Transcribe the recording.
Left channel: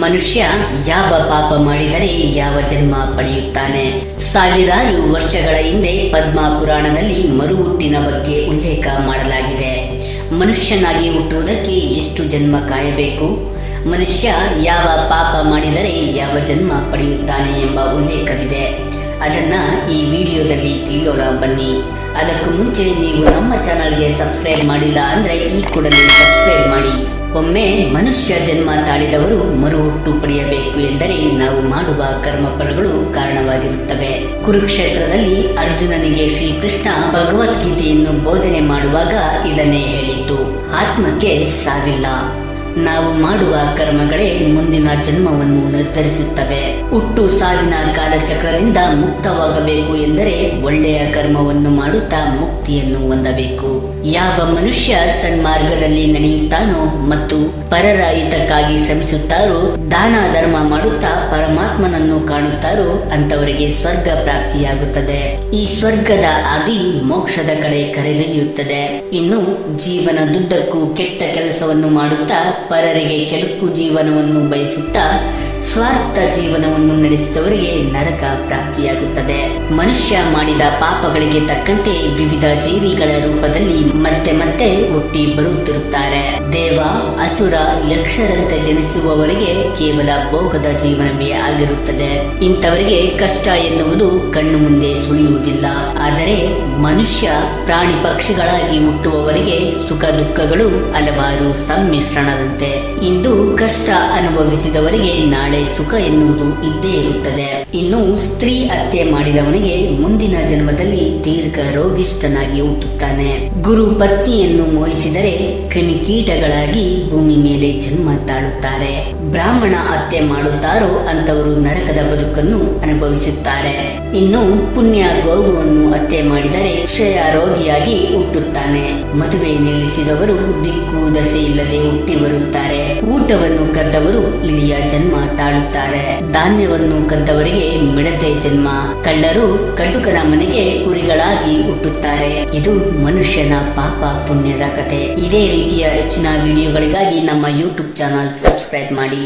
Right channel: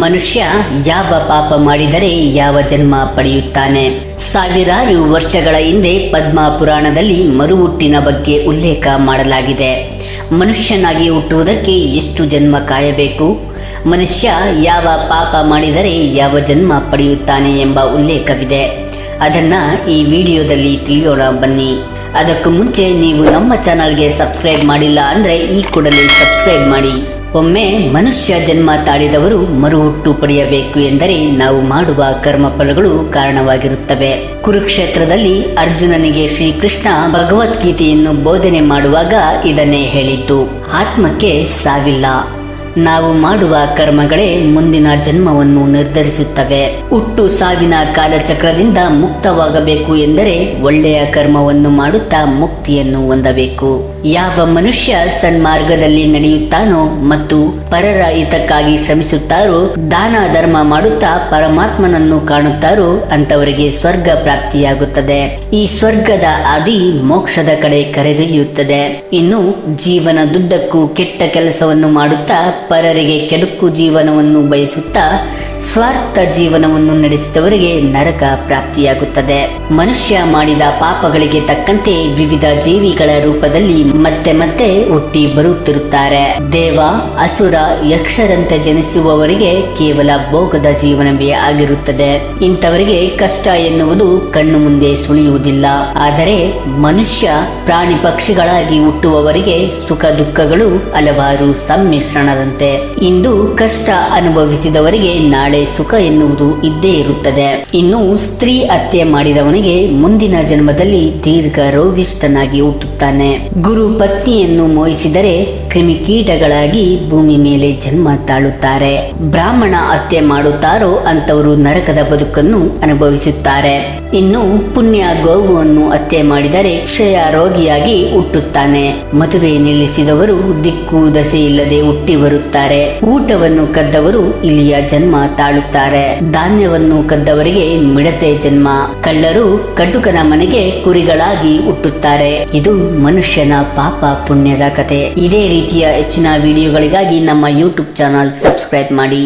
ಮನುಷ್ಯ ಯಾವ ಪಾಪ ಮಾಡಿದರೆ ಯಾವ ಜನ್ಮ ಪಡೆಯುತ್ತಾನೆ? ಸಾವಿರಾರು ವರ್ಷಗಳ ಹಿಂದೆ ಪದ್ಮ ಪುರಾಣದಲ್ಲಿ ಮರುಹುಟ್ಟಿನ ಬಗ್ಗೆ ಉಲ್ಲೇಖ ಮಾಡಲಾಗಿದೆ. ಮನುಷ್ಯನಾಗಿ ಹುಟ್ಟುವುದಕ್ಕೆ ಎಷ್ಟು ಜನ್ಮ ಕಾಯಬೇಕು? ಮನುಷ್ಯ ಯಾವ ಪಾಪ ಮಾಡಿದರೆ ಯಾವ ಜನ್ಮ ಪಡೆಯುತ್ತಾನೆ ಎಂಬ ಉಲ್ಲೇಖವಿದೆ. ಅದನ್ನ ಈ ವಿಡಿಯೋದಲ್ಲಿ ತಿಳಿಯೋಣ ಬನ್ನಿ. ಅದಕ್ಕೂ ಮುಂಚೆ ನೀವು ನಮ್ಮ ಚಾನಲ್ಗೆ ಸಬ್ಸ್ಕ್ರೈಬ್ ಮಾಡಿಲ್ಲ ಅಂದ್ರೆ ಈ ಕೂಡಲೇ ಸಬ್ಸ್ಕ್ರೈಬ್ ಮಾಡಿ. ಒಮ್ಮೆ ಮನುಷ್ಯ ಜನ್ಮ ತಾಳಿದವರು ಮರುಹುಟ್ಟು ಪಡೆಯಬೇಕು ಎಂದರೆ ನಾವು ಮಾಡುವ ಕರ್ಮಫಲಗಳು ಕಾರಣವಾಗಿರುತ್ತವೆ. ಕುರುಕ್ಷೇತ್ರದಲ್ಲಿ ಅರ್ಜುನನಿಗೆ ಶ್ರೀಕೃಷ್ಣ ಭಗವದ್ಗೀತೆಯನ್ನು ಬೋಧನೆ ಮಾಡುವಾಗ ಇದನ್ನೇ ಹೇಳಿದ್ದು. ಆತ್ಮಕ್ಕೆ ಸಾವಿಲ್ಲ. ನಾವು ಮಾಡುವ ಕರ್ಮಗಳೇ ಮುಂದಿನ ಜನ್ಮವನ್ನು ನಿರ್ಧರಿಸುತ್ತವೆ. ಹುಟ್ಟು ಸಾವಿನ ಕಾಲಚಕ್ರದಿಂದ ಮುಕ್ತವಾಗಬೇಕು ಎಂದರೆ ಒಳ್ಳೆಯ ಕರ್ಮವನ್ನು ಮಾಡುತ್ತಾ ಮುಕ್ತಿಯನ್ನು ಹೊಂದಬೇಕು. ಯಾವ ಮನುಷ್ಯ ಸನ್ಮಾರ್ಗದಲ್ಲಿ ನಡೆಯುತ್ತಾನೋ ಮತ್ತು ಪರರ ಹಿತಕ್ಕಾಗಿ ಶ್ರಮಿಸುತ್ತಾರೋ, ದಾನ ಧರ್ಮ ಮಾಡುತ್ತಾ ಪರಮಾತ್ಮನನ್ನು ಕಾಣುತ್ತಾರೋ ಅಂತವರಿಗೆ ಸ್ವರ್ಗ ಪ್ರಾಪ್ತಿಯಾಗುತ್ತದೆ. ಈ ಸ್ವರ್ಗದ ಆದಿ ಮೋಕ್ಷದ ಕಡೆ ಕರೆದೊಯ್ಯುತ್ತದೆ. ಇನ್ನು ಜೀವನದುದ್ದಕ್ಕೂ ಕೆಟ್ಟ ಕೆಲಸವನ್ನು ಮಾಡುತ್ತಾ ಪರರಿಗೆ ಕೆಡುಕು ಜೀವನವನ್ನು ಬಯಸುತ್ತಾ ಸ್ವಾರ್ಥ ಜೀವನವನ್ನು ನಡೆಸಿದವರಿಗೆ ನರಕ ಪ್ರಾಪ್ತಿಯಾಗುತ್ತದೆ. ಮನುಷ್ಯ ಮಾಡಿದ ಪಾಪಗಳಿಗೆ ತಕ್ಕಂತೆ ವಿವಿಧ ಜೀವಿಗಳ ರೂಪದಲ್ಲಿ ಮತ್ತೆ ಮತ್ತೆ ಹುಟ್ಟಿ ಬರುತ್ತಿರುತ್ತಾರೆ. ದೇವ, ಅಸುರ, ಯಕ್ಷರಂತೆ ಜನಿಸುವವರಿಗೆ ಕೇವಲ ಭೋಗದ ಜೀವನವೇ ಆಗಿರುತ್ತದೆ. ಇಂಥವರಿಗೆ ಕಷ್ಟ ಎನ್ನುವುದು ಕಣ್ಣು ಮುಂದೆ ಸುಳಿಯುವುದಿಲ್ಲ. ಆದರೆ ಮನುಷ್ಯ, ಪ್ರಾಣಿ ಪಕ್ಷಿಗಳಾಗಿ ಹುಟ್ಟುವವರಿಗೆ ಸುಖ ದುಃಖಗಳು ಹಲವಾರು ಸಮ್ಮಿಶ್ರಣದಂತೆ. ಇಂದು ಕಷ್ಟ ಅನುಭವಿಸಿದವರಿಗೆ ನಾಳೆ ಸುಖ ಎನ್ನುವುದು ಇದ್ದೇ ಇರುತ್ತದೆ. ಇನ್ನು ಸ್ತ್ರೀ ಹತ್ಯೆ ಮಾಡಿದವನಿಗೆ ಮುಂದಿನ ಜನ್ಮದಲ್ಲಿ ದೀರ್ಘ ರೋಗಿಷ್ಠನಾಗಿ ಹುಟ್ಟುತ್ತಾನೆ. ಗುರು ಪತ್ನಿಯನ್ನು ಮೋಹಿಸಿದರೆ ಕ್ರಿಮಿಕೀಟಗಳಾಗಿ ಭೂಮಿ ಮೇಲೆ ಜನ್ಮ ತಾಳುತ್ತಾರೆ. ಬ್ರಾಹ್ಮಣ ಹತ್ಯೆ ಮಾಡುತ್ತಾರೋ ಅಂತವರು ನರಕದ ಬದುಕನ್ನು ಅನುಭವಿಸುತ್ತಾರೆ. ಇನ್ನು ಪುಣ್ಯ ಗೋವುವನ್ನು ಹತ್ಯೆ ಮಾಡಿದರೆ ಕ್ಷಯ ರೋಗಿಯಾಗಿ ಹುಟ್ಟುತ್ತಾನೆ. ಮದುವೆ ನಿಲ್ಲಿಸಿದವರು ದಿಕ್ಕು ದಸೆ ಇಲ್ಲದೆ ಹುಟ್ಟಿ ಬರುತ್ತಾರೆ. ಊಟವನ್ನು ಕದ್ದವರು ಇಲ್ಲಿಯ ಜನ್ಮ ತಾಳುತ್ತಾರೆ ಧಾನ್ಯವನ್ನು ಕದ್ದವರಿಗೆ ಮಿಡತೆ ಜನ್ಮ. ಕಳ್ಳರು ಕಟುಕನ ಮನೆಗೆ ಕುರಿಗಳಾಗಿ ಹುಟ್ಟುತ್ತಾರೆ. ಇದು ಮನುಷ್ಯನ ಪಾಪ ಪುಣ್ಯದ ಕತೆ. ಇದೇ ರೀತಿಯ ಹೆಚ್ಚಿನ ವಿಡಿಯೋಗಳಿಗಾಗಿ ನಮ್ಮ ಯೂಟ್ಯೂಬ್ ಚಾನಲ್ ಸಬ್ಸ್ಕ್ರೈಬ್ ಮಾಡಿ.